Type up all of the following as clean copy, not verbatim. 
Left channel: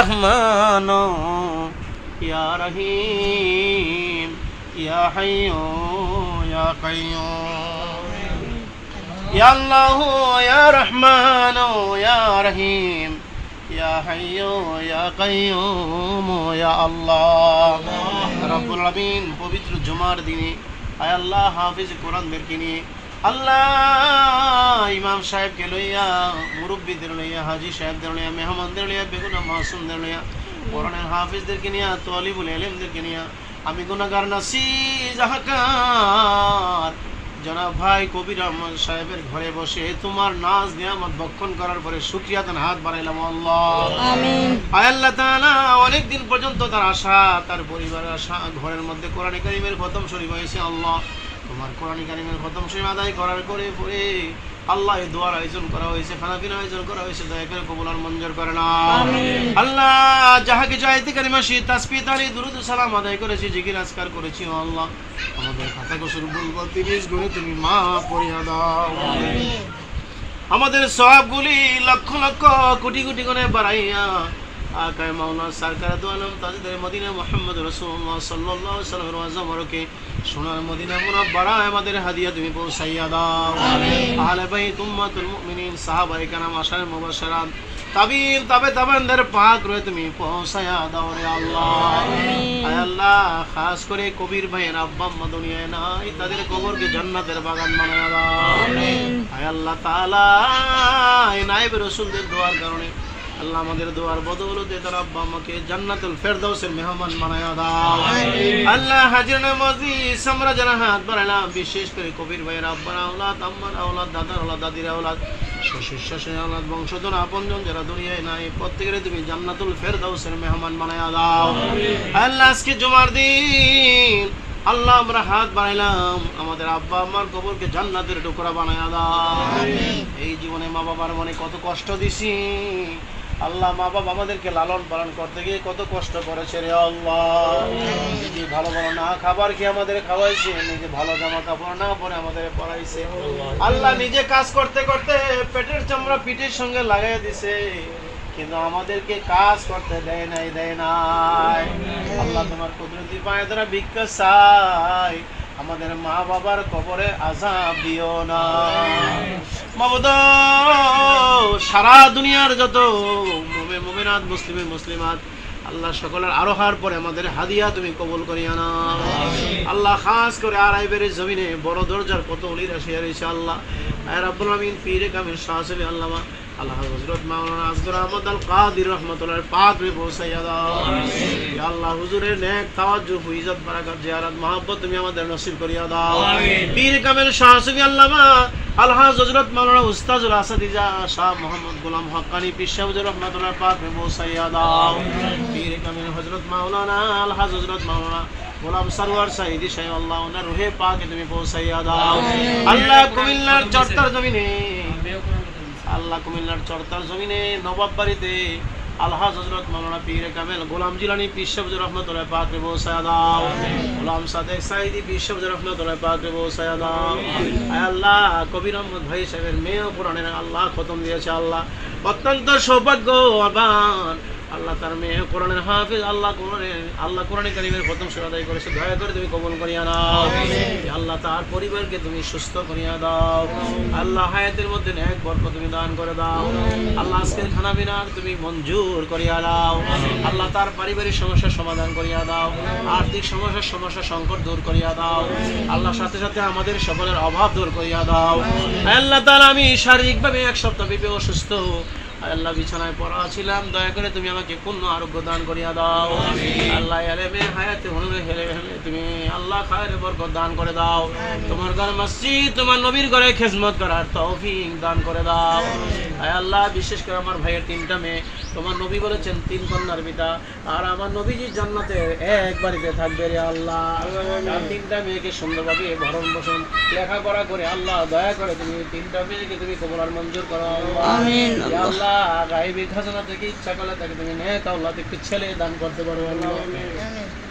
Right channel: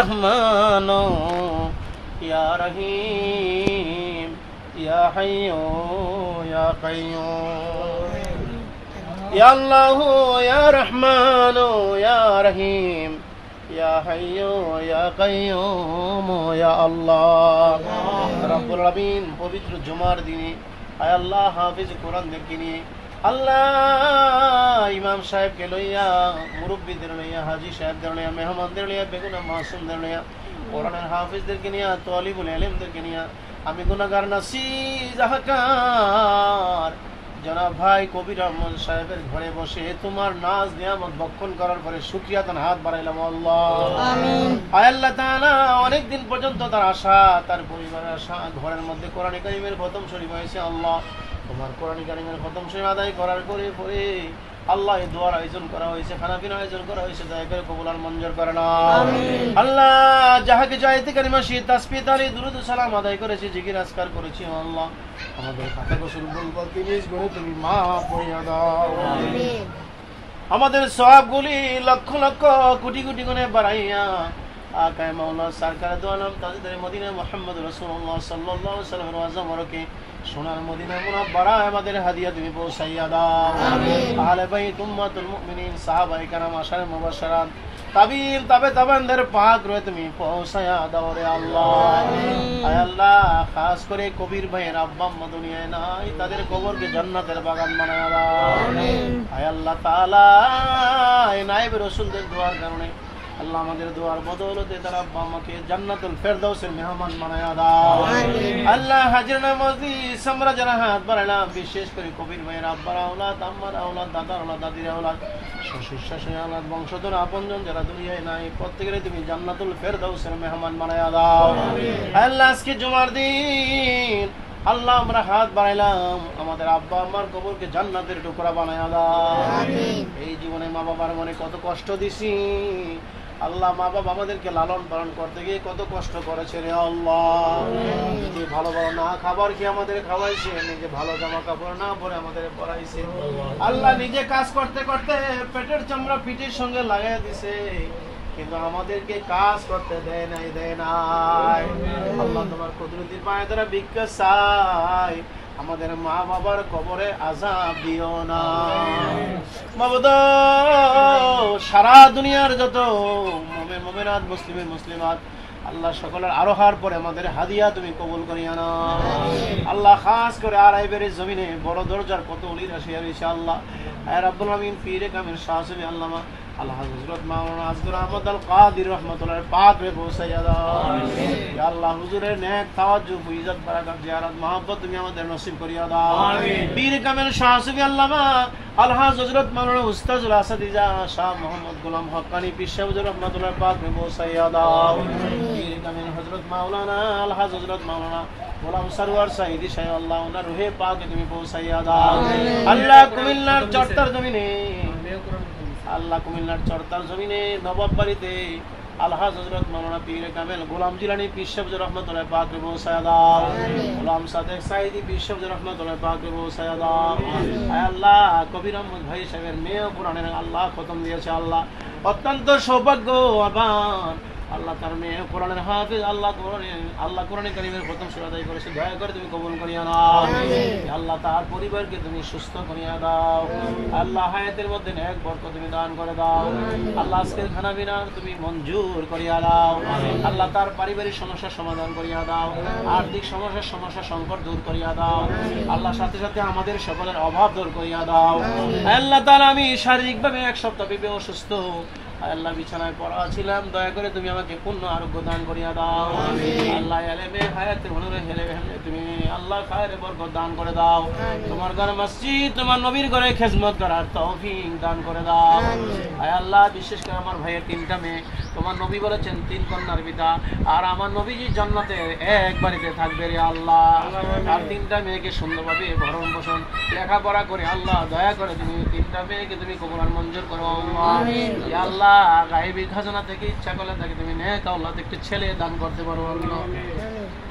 রহমানো ইয়া রহিম ইয়া হাইয়্যু ইয়া কাইয়্যুম ইয়া আল্লাহু ইয়া রহমানো ইয়া রহিম ইয়া হাইয়্যু ইয়া কাইয়্যুম ইয়া আল্লাহ রব্বুল আলামিন পবিত্র জুমার দিনে আয় আল্লাহ হাফিজ কোরআনদেরকে নিয়ে আল্লাহ ইমাম সাহেবকে লইয়া মুরব্বীদের লইয়া হাজি সাহেবদের লইয়া মেহমানদের লইয়া বেগুনা মাসুমদের লইয়া কোরআনের হাফিজদেরকে নিয়ে তালিবুল ইলমদেরকে নিয়ে আমি গুনাহগার নাসিজ হাকার জনাব ভাই কবির আহমদ সাহেবের ঘরে বসে তোমার নাজ নিয়ামত ভক্ষণ করার পরে শুকরিয়া তার হাত বাড়াইলাম আল্লাহ আমিন আয় আল্লাহ তাআলা অনেক দিন পর্যন্ত তার আশা তার পরিবারের আশা ঘরের মধ্যে কোরআন কারীমের খতম শরীফ হয়েছে আল্লাহ তোমার কোরআন কারীমের খতম শরীফ আদায় করার পরে আল্লাহ এই দোয়ার আয়োজন করা হয়েছে খানাপিনা আয়োজন করা হয়েছে দয়া করে কবুল আর মঞ্জুর করে নাও আমিন আল্লাহ যাহা কিছু আয়াতে কারিমা শহীদ তাসবিহ তাহলিল দুরূদ সালাম আদায় করেছি জিকির আজকার করেছি আল্লাহ আমাদের খাতা কসুর ভুল গলতি নিজ গুণে তুমি মাফ করিয়া দাও আমিন আমাদের সওয়াবগুলি লক্ষ লক্ষ কোটি কোটি গুণে বাড়াইয়া আকায়ে মাওলানা সরকার দু আলম তাজদার মদিনা মুহাম্মদ রাসূলুল্লাহ সাল্লাল্লাহু আলাইহি ওয়াসাল্লামের ওয়াজমরকে সোনার মদিনা মুনাব্বারা আমাদের হাদিয়া তুমি পৌঁছাইয়া দাও আমিন আহলে বাইত উম্মাতুল মুমিনিন সাহাবায়ে কেরাম আশারে মুবাশশারাত তাবিঈন তাবেঈনদের পাক রয়ে তুমি পৌঁছাইয়া দাও রে আল্লাহ আমিন আয় আল্লাহ খাস করে কবির ভাইয়ের আব্বা আম্মা দুনিয়ায় নাই তাদের কবরকে জান্নাতের বাগান বানায়া দাও আমিন আয় আল্লাহ তাআলা এই নায়েব রাসূলদের দোয়ার কারণে আল্লাহ আমাদের দোয়ার বদৌলতে তার আব্বা আম্মাকে জান্নাতুল ফেরদাউসের মেহমান বানায়া দাও আমিন আল্লাহ হাজির নামাজি আমরা যারা হাত বাড়াইলাম বিশেষ করে কবির ভাইয়ের আব্বার আওলাদ আম্মার আওলাদ দাদার আওলাদ দাদির আওলাদ শ্বশুর শাশুড়ির আওলাদ বংশধর আপনজন যারা দুনিয়ায় নাই প্রত্যেকের তুমি জান্নাতুল ফেরদাউসের মেহমান বানায়া দাও আমিন আল্লাহ আজকে জুমার দিন আল্লাহ আমরা হাত বাড়াইলাম আমাদের আব্বা আম্মার কবরকে জান্নাতের টুকরা বানায়া দাও আমিন এই জীবনে মা বাবার মনে কত কষ্ট দিছি আল্লাহ মা বাবা আমাদেরকে লালন পালন করতে গিয়ে কত কষ্ট করেছে রে আল্লাহ নিজে ভালো ভালো না খাবার খেয়ে আমাদের খাওয়াইছে নিজে ভালো জামা কাপড় না পরে আমাদের পরাইছে আল্লাহ নিজে কাজ করতে করতে পেটের চামড়া পিঠের সঙ্গে লাগাই দিছে কিন্তু আমাদেরকে কাজ করতে দেয় নাই আল্লাহ তোমার কুদরতি পায়ে ধরে ভিক্ষা চাই আমাদের মা বাবার কবরে আযাব দিও না মাবুদ সারা দুনিয়ার যত মুমিন মুমিনাত মুসলিম মুসলিমাত আল্লাহ সকলের আরোহার পরে আমাদের হাদিয়া তুমি কবুল করিয়া নাও আল্লাহ খাস করে আরাইবের জমিনে বড় দরজার কত ওলিরা শেয়ার হয়েছে আল্লাহ আয় রাব্বুল আলামিন পীরে কামিল শাহ সাহেব আল্লামা আল্লাহ হযরত মাওলানা আসগর আহমদ আল কাদির রাহমাতুল্লাহ পাক রে পৌঁছাইয়া দাও আমিন ইয়া আল্লাহ হুজুরের নেক তাওয়াজ্জুহ ইজ্জত বারাকাত জিয়ারত মহব্বত তুমি আমাদের নসিব করিয়া দাও আমিন পীর কামিল শাহ সাহেব আল্লামা আল্লাহ হযরত মাওলানা উস্তাদুল আসাদিজা শাহ মোহাম্মদ গোলাম হক্কানি পীর সাহেব রাহমাতুল্লাহ পাক রে পৌঁছাইয়া দাও পীর কামিল হযরত মাওলানা আল্লাহ হযরত মাওলানা গোলাম সরওয়ার সাইদি সাহেব আল্লাহ ওনার রূহে পাকে তুমি পৌঁছাইয়া দাও আল্লাহ কুমিল্লার চরতার জমিনে আল্লাহ কুমিল্লার চরতার জমিনে নবাব বাড়িতে আল্লাহ হযরত মাওলানা পীর কামেল গোলাম জিলানী পীর সাহেব রহমাতুল্লাহ পাক রে পৌঁছায়া দাও গোলাম সাদেক সাইদি পীর সাহেব রহমাতুল্লাহ পাক রে পৌঁছায়া দাও আয় আল্লাহ কবির আহমদ ভাই সাহেবের মেয়ে পুরাণের আল্লাহ খতম দিয়েছে আল্লাহ অত্যন্ত সৌভাগ্যবান আল্লাহ তার মেয়ে কোরআনের হাফেজ আল্লাহ কোরআনে কারীমের খতম সূরা আদায় করেছে দয়া করে তুমি কবুল করিয়া নাও আল্লাহ তার পরিবারকে তুমি সুস্থ করিয়া দাও আল্লাহ হায়াতের মধ্যে নেক বরকত তুমি দান করে দাও আল্লাহ আজকের খানা পিনার তুমি মঞ্জুর করিয়া দাও আল্লাহ তার পারিবারিক সমস্যার সমাধান করিয়া দাও আর্থিক সমস্যা সংকট দূর করিয়া দাও আল্লাহ সাথে সাথে আমাদের সকলের অভাব দূর করিয়া দাও আল্লাহ তাআলা আমি শারীরিকভাবে এক সপ্তাহ ব্যাপী অসুস্থ আল্লাহ বিছানায় পড়া ছিলাম দয়া করে তুমি আমাকে পূর্ণ আরোগ্য দান করিয়া দাও আল্লাহ এলেমে হায়াতে হুনুরে হেলে তুমি আল্লাহ খায়রে বরকত দান করে দাও তোমার ঘর মসজিদ তোমার নবীর ঘরে খেদমত করার তৌফিক দান করে দাও আয় আল্লাহ বিশেষ করে আমার ভাইয়ের তিনটা মেয়ে তোমার নবী বলেছেন তিন কন্যার পিতা আর আমার নবীজি জান্নাতে এক বাড়িতে থাকবে রে আল্লাহ আর তিনটা মেয়েকে সুন্দরভাবে ভরণ পোষণ লেখাপড়া করে আল্লাহ দয়া করে তুমি তিনটা মেয়েকে তুমি কবুল আর মঞ্জুর করো আমিন ইয়া আল্লাহ গায়বী খাজানা থেকে ইচ্ছা করলে তাকে তুমি নেক আল্লাহ একটি ছেলে দান করতে পারো আল্লাহ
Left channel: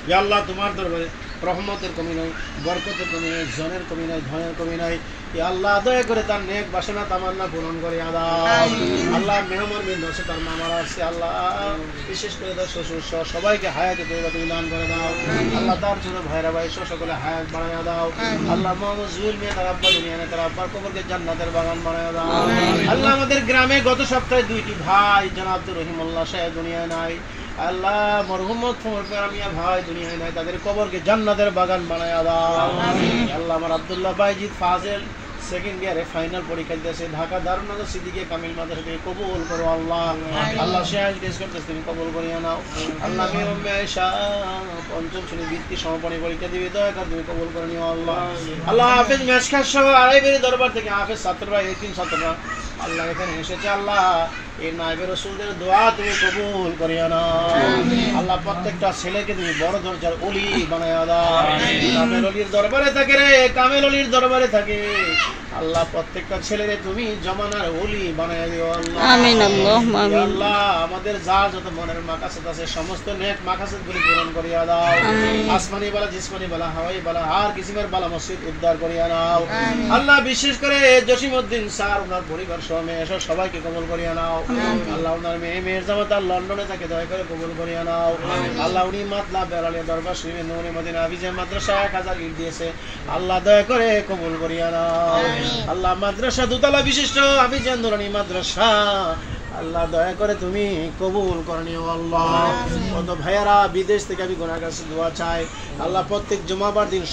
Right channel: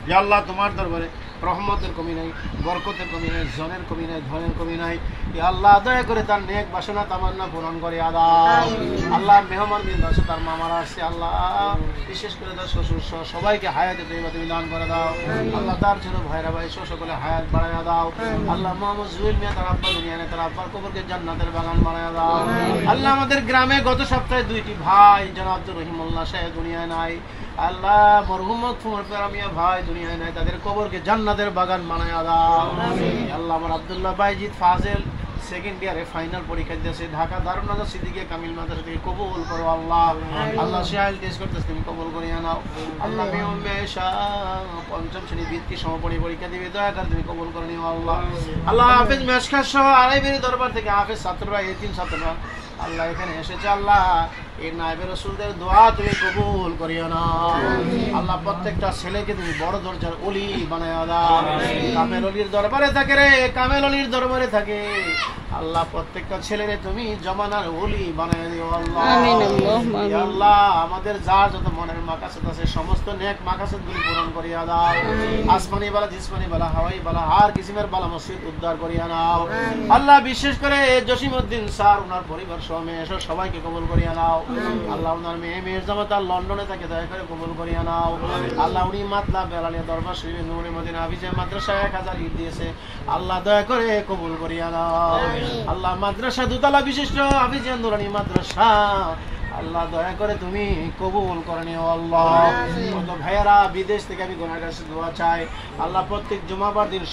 ইয়া আল্লাহ তোমার দরবারে রহমতের কমি নাই, বরকতের কমি নাই, জনের কমি নাই, ধনের কমি নাই। ইয়া আল্লাহ দয়া করে তার নেক বাসনা তামান্না পূরণ করে দাও। আল্লাহ মেহমান বিন্দু আছে, তার মামারা আসছে, আল্লাহ বিশেষ করে তার শ্বশুর সহ সবাইকে হায়াতে তৈবা তুমি দান করে দাও। আল্লাহ তার ছোট ভাইরা ভাই সহ সকলে হায়াত বাড়াইয়া দাও। আল্লাহ মোহাম্মদ জুয়েল মিয়া তার আব্বা দুনিয়া নেই, তার আব্বার কবরকে জান্নাতের বাগান বানাইয়া দাও। আল্লাহ আমাদের গ্রামে গত সপ্তাহে 2টি ভাই জনাব আব্দুর রহিমুল্লাহ সাহেব দুনিয়ায় নাই, আল্লাহ মরহুম মিয়া ভাই দুনিয়ায় নাই, তাদের কবরকে জান্নাতের বাগান বানাইয়া দাও। আল্লাহ আমার আব্দুল্লাহ বাইজিদ ফাজেল সেকেন্ড ইয়ারে ফাইনাল পরীক্ষা দিতেছে, ঢাকা দারুনগর সিদ্দিকিয়া কামিল মাদ্রাসা থেকে কবুল করো আল্লাহ। আল্লাহ শাহেল টেস্ট করতেছে, তুমি কবুল করিয়া নাও। আল্লাহ মেহম আয়েশা পঞ্চম শ্রেণী বৃত্তি সমাপনী পরীক্ষা দিবে, দয়া করে তুমি কবুল করে নিও আল্লাহ। আল্লাহ হাফেজ মেশকার সহ আড়াইবেরি দরবার থেকে হাফেজ ছাত্ররা, এতিম ছাত্ররা আল্লাহ এখানে এসেছে, আল্লাহ এই নায়েবে রাসূলদের দোয়া তুমি কবুল করিয়া নাও। আল্লাহ প্রত্যেকটা ছেলেকে তুমি বড় দরজার ওলি বানায়া দাও। কামেল ওলির দরবারে থাকে রে, কামেল ওলির দরবারে থাকে, আল্লাহ প্রত্যেকটা ছেলেরে তুমি জমানার ওলি বানায়া দিও আল্লাহ। আমিন আল্লাহুম্মা আমিন। আল্লাহ আমাদের যা যত মনের মাকাসেদ আছে সমস্ত নেক মাকাসেদ গুলি পূরণ করিয়া দাও। আসমানি বালা, জিসমানি বালা, হাওয়াই বালা, আর কিসিমের বালা মসজিদ উদ্ধার করিয়া নাও আল্লাহ। বিশেষ করে জসিমউদ্দিন স্যার ওনার পরিবার সহ মেয়ে সহ সবাইকে কবুল করিয়া নাও আল্লাহ। ওনার মেয়ের জামাতা লন্ডনে থাকে, দয়া করে কবুল করিয়া নাও আল্লাহ। উনি মাতলা বেলালিয়া দরবার শরীফে নূরে মদিনা হাফিজের মাদ্রাসা 1000 ইট দিয়েছে, আল্লাহ দয়া করে কবুল করিয়া নাও আল্লাহ। মাদ্রাসা দুতলা বিশিষ্ট হাফিজে নুরানি মাদ্রাসা, আল্লাহ দয়া করে তুমি কবুল করে নিও আল্লাহ। কত ভাইয়ারা বিদেশ থেকে আমি গুনাহগার কাছে দোয়া চাই আল্লাহ, প্রত্যেক জুমাবার দিন